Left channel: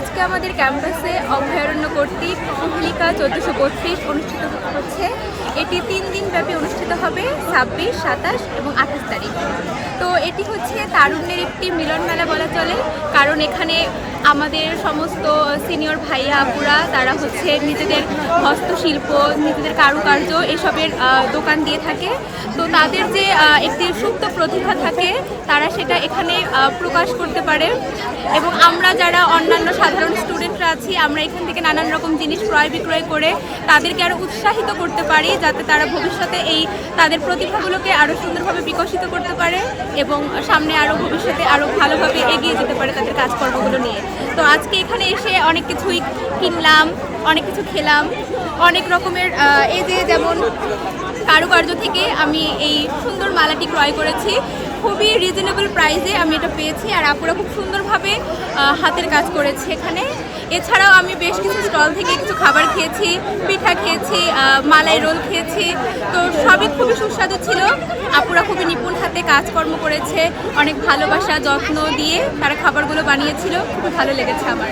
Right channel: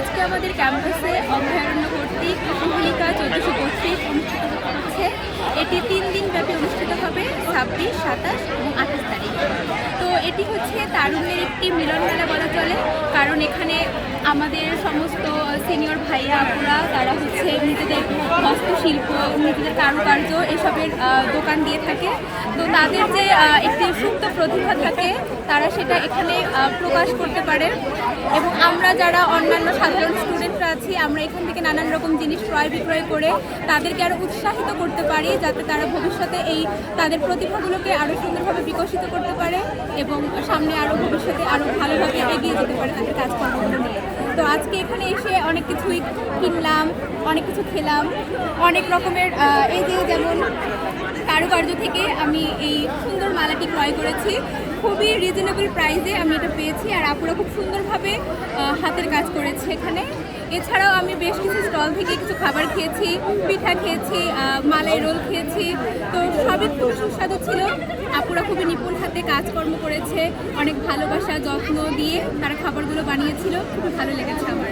আজকে আমাদের ক্যাম্পাসে অভয়ারণ্য কর্তৃক কুহেলিকা 1432 অনুষ্ঠিত হচ্ছে। এটি 3 দিন ব্যাপী অনুষ্ঠিত হবে, 26, 27 এবং 28 তারিখ। তো এটি হচ্ছে তারুণ্যের একটি মিলন মেলা বলা চলে, কারণ এখানে আমাদের সমস্ত সিনিয়র ভাইয়া আপুরা তারা হচ্ছে নিজেদের হস্তশিল্প, নিজেদের কারুকার্য এসবের দোকান দিয়ে থাকে। তো তাদের যে একটি সুপ্ত প্রতিভা থাকে তারা সেটা এখানে প্রকাশ করতে পারে, এবং আমরা যারা অন্যান্য সাধারণ স্টুডেন্টরা আছি আমরা এখান থেকে নানান রকম জিনিস ক্রয় বিক্রয় করে তাদেরকে আরও উৎসাহিত করতে পারি, যাতে তারা ভবিষ্যতে তাদের প্রতিভাগুলোকে আরও সুন্দরভাবে বিকশিত করতে পারে এবং সামনে আরও ভবিষ্যতে আরও ভালোভাবে এগিয়ে যেতে পারে তাদের কাজকর্মগুলো নিয়ে। তো আজকে এখানে এসে অনেক কিছুই কিনলাম, অনেক কিছু খেলাম, অনেক রকমের যেমন কারুকার্য থেকে আমি এই সুন্দর মালাটি ক্রয় করেছি। খুবই রিজনেবল প্রাইসে আমি এটা পেয়েছি, আর আপুরা খুব সুন্দরভাবে হাতের কাজ করেছে এখানে। এছাড়াও আমি বেশ কিছু স্টল থেকে কিছু খাবার খেয়েছি, পিঠা খেয়েছি, মালাই রোল খেয়েছি। তো সবই খুবই সুস্বাদু ছিল। আপুরা খুবই নিপুণ হাতে কাজকর্ম করেছে, অনেক ভালোবাসা যত্ন দিয়ে তারা খাবারগুলো বানিয়েছিল, খুবই ভালো লেগেছে আমার।